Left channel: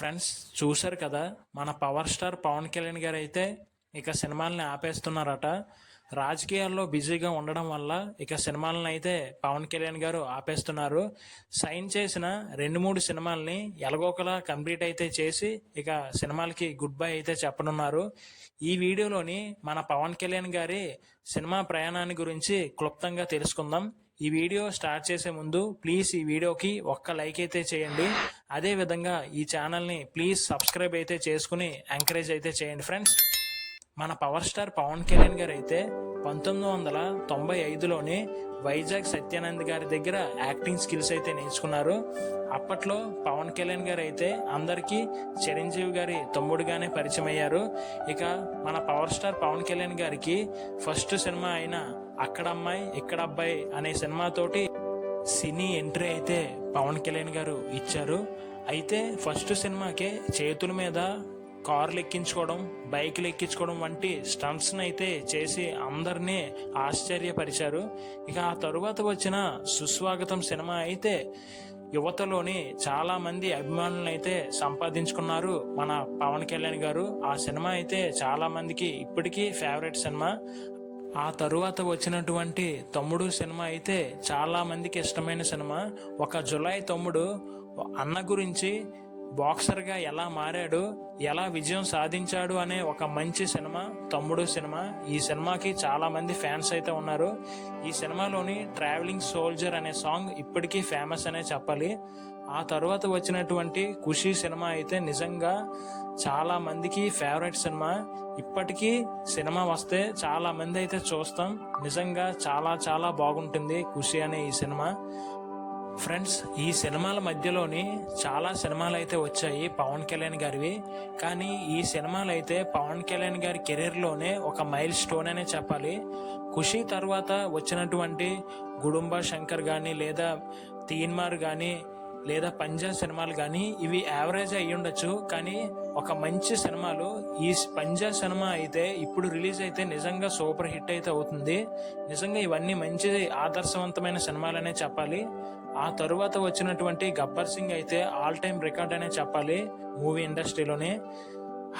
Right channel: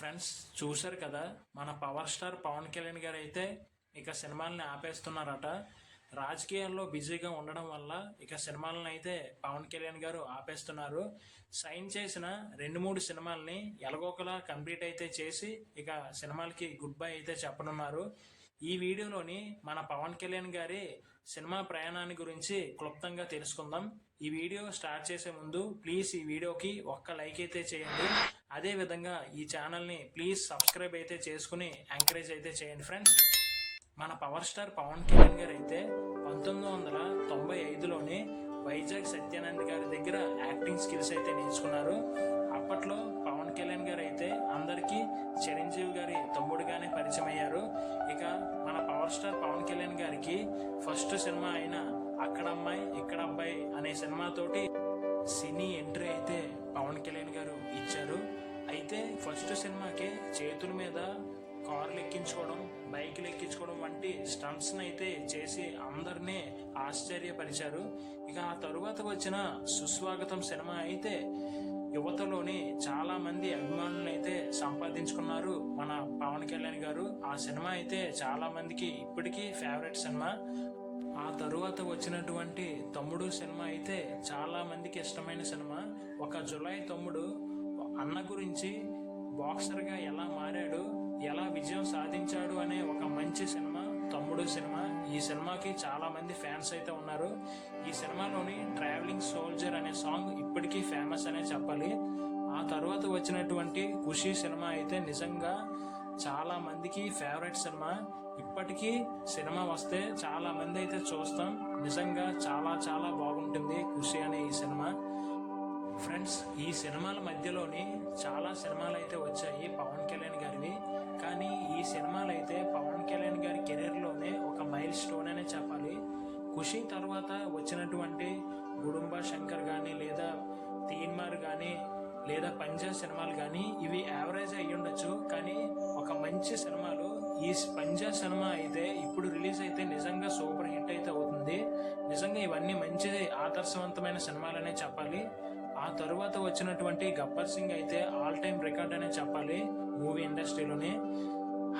Friends, చూశారు కదా, మన పవర్ స్టార్ పవన్ కళ్యాణ్ గారు అయితే ఇక సినిమాలని ఆపేస్తున్నారట. రాజకీయాల్లో బిజీగా ఉండడం వల్ల ఇక సినిమాలను అయితే పవన్ కళ్యాణ్ గారు ఆపేస్తున్నారు. సైన్ చేసిన 2-3 సినిమాలని ఎలాగోకలా కంప్లీట్ అయితే చేసి ఇక సినిమాలకి గుడ్ బై అయితే చెప్పనున్నారు. ఈ వీడియోలోని మన పవన్ కళ్యాణ్ గారి సినిమా ప్రయాణాన్ని గురించి క్లుప్తంగా తెలుసుకుందాం. ఈ వీడియో స్టార్ట్ చేసే ముందు ప్లీజ్ ఈ వీడియోకి ఒక్క లైక్ అయితే చేయండి. అదేవిధంగా ఈ ఛానల్ని ప్లీజ్ సబ్స్క్రైబ్ అయితే చేసుకుని ఎంకరేజ్ అయితే చేయండి. ఫ్రెండ్స్, మన పవర్ స్టార్ పవన్ కళ్యాణ్ గారు అయితే 1995లోనే వైజాగ్ సత్యానంద్ గారి దగ్గర యాక్టింగ్ స్కిల్స్ అయితే నేర్చుకున్నారు. అప్పట్లో పవన్ కళ్యాణ్ గారు అయితే అందరికీ చిరంజీవి గారి తమ్ముడుగానే పరిచయం అయ్యారు. ఇక మన పవర్ స్టార్ పవన్ కళ్యాణ్ గారికి ఫస్ట్ సినిమా అయిన అక్కడ అమ్మాయి ఇక్కడ అబ్బాయి అనే సినిమాతోటి సినీ ఎంట్రీ అయితే పవన్ కళ్యాణ్ గారు ఇచ్చారు. అయితే ఫస్ట్ సినిమాకే చేతుల మీద కార్లు ఎక్కించుకోవడం, బైకులు ఎక్కించుకోవడం వంటి స్టంట్స్ని అయితే చేసి అందరినీ ఆశ్చర్యపరిచారు. ఇక ఆ తరువాత వచ్చిన సుస్వాగతం సినిమా అయితే యువతలోని చాలా మంది అభిమానులను అయితే సంపాదించుకున్నారు మన పవన్ కళ్యాణ్ గారు. ఆ సినిమా అయితే చాలా మందికి ఇప్పటికీ ఫేవరెట్ సినిమా. ఆ తరువాత వచ్చినటువంటి తమ్ముడు సినిమా అయితే చాలా మందికి ఇష్టమైన సినిమా. ఒక జులై తమ్ముడు అన్న గురించి బాక్సర్గా ఎలా మారాడు, ఎలా విజయం సాధించాడు అనే ఒక మంచి సినిమా తమ్ముడు సినిమా. ఈ సినిమాకి చాలా మంది ఫ్యాన్స్ అయితే ఉన్నారు. ఈ సినిమాలోని ట్రావెలింగ్ సోల్జర్ అనే సాంగ్ ఇప్పటికీ ఫేమస్ అనే చెప్పాలి. ఆ తర్వాత వచ్చినటువంటి ఖుషీ సినిమా అయితే నిజంగా చాలా మందికి ఫేవరెట్ సినిమా. ఇప్పటికీ సినిమా వస్తే చాలా మంది అయితే చూస్తాం. నిజంగా చాలా చాలా బాగుంటుంది ఖుషి అనే ఈ సినిమా. ఫ్రెండ్స్, ఈ సినిమాల మధ్యలోని చాలా సినిమాలు అయితే వచ్చాయి పవన్ కళ్యాణ్ గారివి. కానీ ఈ సినిమాలు అయితే పవన్ కళ్యాణ్ గారి కెరీర్లోనే ఒక మైల్ స్టోన్ అనే చెప్పాలి. ఖుషి తర్వాత వచ్చినటువంటి గుడుంబ శంకర్ కానీ లేదా తీన్మార్ కానీ లేదా పంజా సినిమాలు కానీ ఇవి యావరేజ్ అయ్యి ఉండొచ్చు. కానీ ఒక మంచి సినిమాలు. ఈ పంజా సినిమా అయితే ఇప్పుడు రిలీజ్ అయితే నిజంగా సూపర్ హిట్ అయితే అవుతుంది. నిజంగా ఇవన్నీ మంచి ఆదర్శవంతమైన సినిమాలనే చెప్పాలి. ఆ తరువాత వచ్చినటువంటి గబ్బర్ సింగ్ అయితే ఆల్ టైమ్ రికార్డ్ అనే చెప్పాలి మూవీ ఇండస్ట్రీలోనే.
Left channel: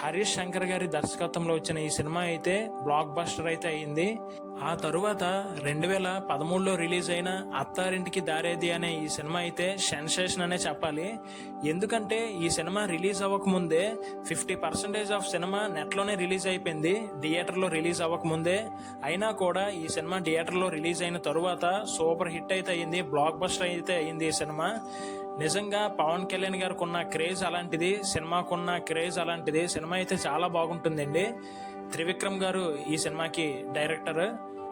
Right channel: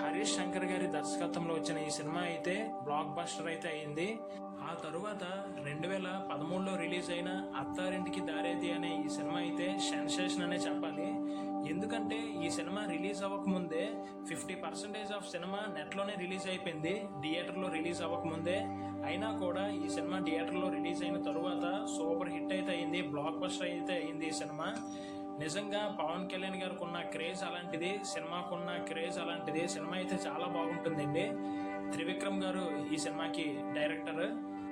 హరీష్ శంకర్ గారి దర్శకత్వంలో వచ్చిన ఈ సినిమా అయితే బ్లాక్ బస్టర్ అయితే అయింది. ఆ తరువాత 2013లో రిలీజ్ అయిన అత్తారింటికి దారేది అనే ఈ సినిమా అయితే సెన్సేషన్ అనే చెప్పాలి. ఎందుకంటే ఈ సినిమా రిలీజ్ అవ్వకముందే 50% ఆఫ్ సినిమా నెట్లోనే రిలీజ్ అయిపోయింది, థియేటర్లో రిలీజ్ అవ్వకముందే. అయినా కూడా ఈ సినిమా థియేటర్లో రిలీజ్ అయిన తరువాత సూపర్ హిట్ అయితే అయింది, బ్లాక్ బస్టర్ అయితే అయింది ఈ సినిమా. నిజంగా పవన్ కళ్యాణ్ గారికి ఉన్న క్రేజ్ అలాంటిది, సినిమాకున్న క్రేజ్ అలాంటిది. సినిమా అయితే చాలా బాగుంటుందండి. త్రివిక్రమ్ గారు ఈ సినిమాకి డైరెక్టర్.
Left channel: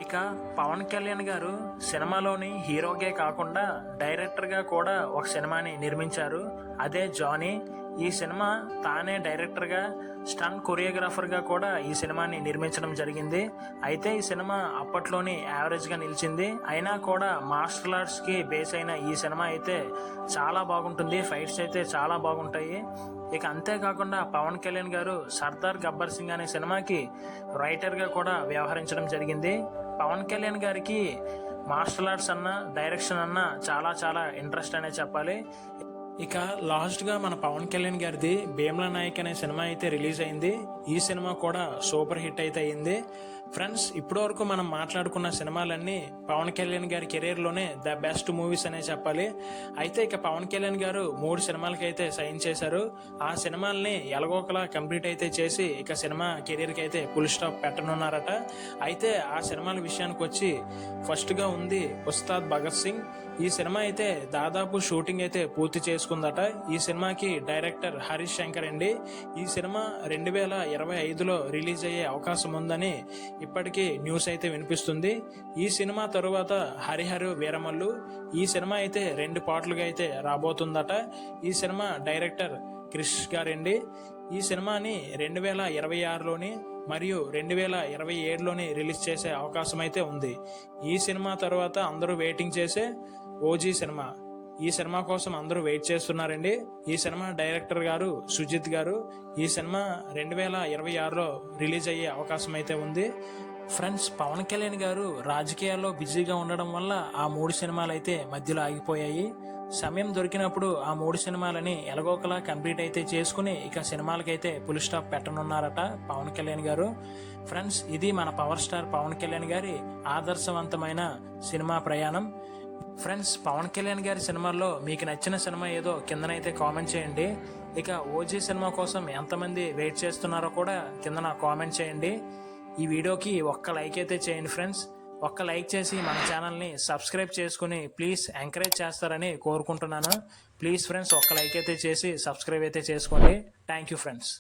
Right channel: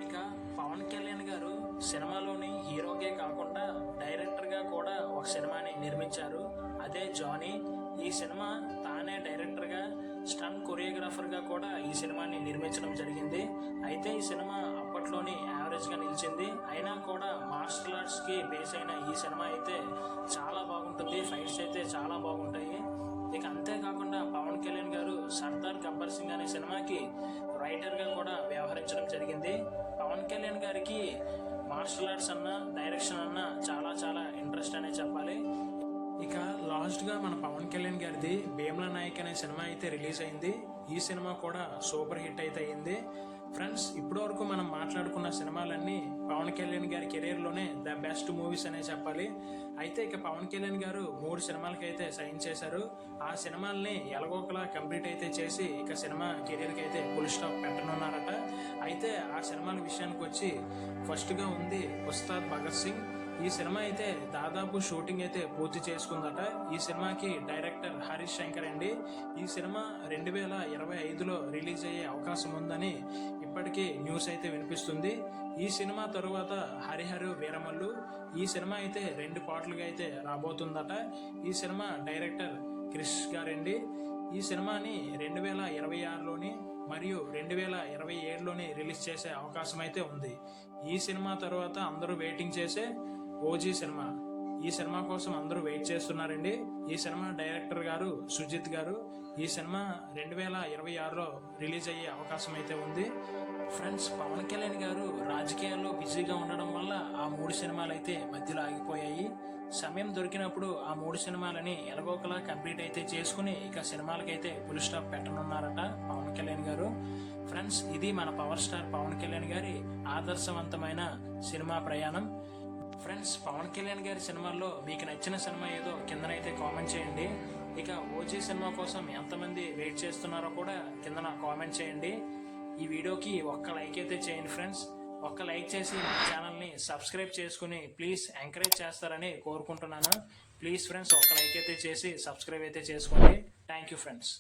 ఇక పవన్ కళ్యాణ్ గారు సినిమాలోని హీరోగే కాకుండా డైరెక్టర్గా కూడా ఒక సినిమాని నిర్మించారు, అదే జానీ. ఈ సినిమా తానే డైరెక్టర్గా స్టంట్ కొరియోగ్రాఫర్గా కూడా ఈ సినిమాని నిర్మించడం జరిగింది. అయితే ఈ సినిమా అప్పట్లోని యావరేజ్గా నిలిచింది. అయినా కూడా మార్షల్ ఆర్ట్స్కి బేస్ అయిన ఈ సినిమా అయితే చాలా బాగుంటుంది. ఫైట్స్ అయితే చాలా బాగుంటాయి. ఇక అంతేకాకుండా పవన్ కళ్యాణ్ గారు సర్దార్ గబ్బర్ సింగ్ అనే సినిమాకి రైటర్గా కూడా వ్యవహరించడం జరిగింది. పవన్ కళ్యాణ్ గారికి మార్షల్ ఆర్ట్స్ అన్న డైరెక్షన్ అన్న చాలా చాలా ఇంట్రెస్ట్ అనే చెప్పాలి. ఇక లాస్ట్గా మన పవన్ కళ్యాణ్ గారిది భీమ్లా నాయక్ అనే సినిమా అయితే రిలీజ్ అయింది. ఈ సినిమా కూడా సూపర్ హిట్ అయితే అయింది. ఫ్రెండ్స్, ఇప్పటి వరకు మనం మాట్లాడుకున్న సినిమాలన్నీ పవన్ కళ్యాణ్ గారి కెరీర్లోనే ద బెస్ట్ మూవీస్ అనే చెప్పాలి. అయితే ఇక పవన్ కళ్యాణ్ గారు 3 సినిమాలకి అయితే సైన్ చేశారు. ఆ సినిమాల్ని ఎలాగోకలా కంప్లీట్ అయితే చేసి ఇక సినిమా కెరీర్కి అయితే ఫుల్ స్టాప్ పెట్టనున్నారట. అయితే ఆ సినిమాల విషయానికి వచ్చి ఫస్ట్గా ఉంది ఉస్తాద్ భగత్ సింగ్. ఈ సినిమా అయితే దాదాపు షూటింగ్ అయితే పూర్తి చేసుకుందట. ఈ సినిమాకి డైరెక్టర్ హరీష్ శంకర్ అండి. ఈ సినిమా 2025లో రిలీజ్ అయ్యే అవకాశం ఉందని ఇప్పటికీ న్యూస్ అయితే వినిపిస్తుంది. ఈ సినిమా తరువాత హరిహర వీరమల్లు. ఈ సినిమా అయితే 2 పార్ట్లుగా అయితే రాబోతుందట. ఈ సినిమా డైరెక్టర్ క్రిష్ గారండి. ఈ సినిమాని 2026లోని మరియు 2027లోని రిలీజ్ చేసే అవకాశం అయితే ఉంది. ఈ సినిమా తర్వాత అందరూ వెయిటింగ్ చేసే ఓజీ సినిమా. ఈ సినిమా కోసం అందరూ వెయిట్ చేస్తున్నారండి. ఈ సినిమా డైరెక్టర్ గారు సుజిత్ గారు. ఈ సినిమా 2026లో రిలీజ్ అయ్యే అవకాశం అయితే ఉంది. ఫ్రెండ్స్, పవన్ కళ్యాణ్ గారు రాజకీయాల్లో బిజీగా ఉండడం వల్ల ఆ 3 సినిమాలు అయితే మధ్యలో ఆగిపోయాయి. సమయం దొరికినప్పుడు ఆ 3 సినిమాలని ఎలాగోకలా కంప్లీట్ అయితే చేసుకుని ఇక సినిమాలకైతే ఫుల్ స్టాప్ పెట్టనున్నారట పవన్ కళ్యాణ్ గారు. ఫ్రెండ్స్, ఇది మన పవర్ స్టార్ పవన్ కళ్యాణ్ గారి ఆదర్శవంతమైన సినిమా ప్రయాణం. ఫ్రెండ్స్, పవన్ కళ్యాణ్ గారి సినిమాల్లో మీకు నచ్చిన సినిమా ఏదో కిందనైతే కామెంట్ చేయండి. ఇక ఓజీ సినిమా కోసం ఎంతమంది వెయిట్ చేస్తున్నారో కూడా కిందన కామెంట్ చేయండి. ఈ వీడియోకి ఒక్క లైక్ అయితే చేయండి ఫ్రెండ్స్. ఒక్క లైక్ చేసి మన ఛానల్ని సబ్స్క్రైబ్ చేసుకుని ప్లీజ్ ఎంకరేజ్ చేస్తారని కోరుకుంటున్నాను. ప్లీజ్ ఫ్రెండ్స్, ఒక్క లైక్ అయితే చేసి సబ్స్క్రైబ్ అయితే చేసుకోండి. Thank you friends.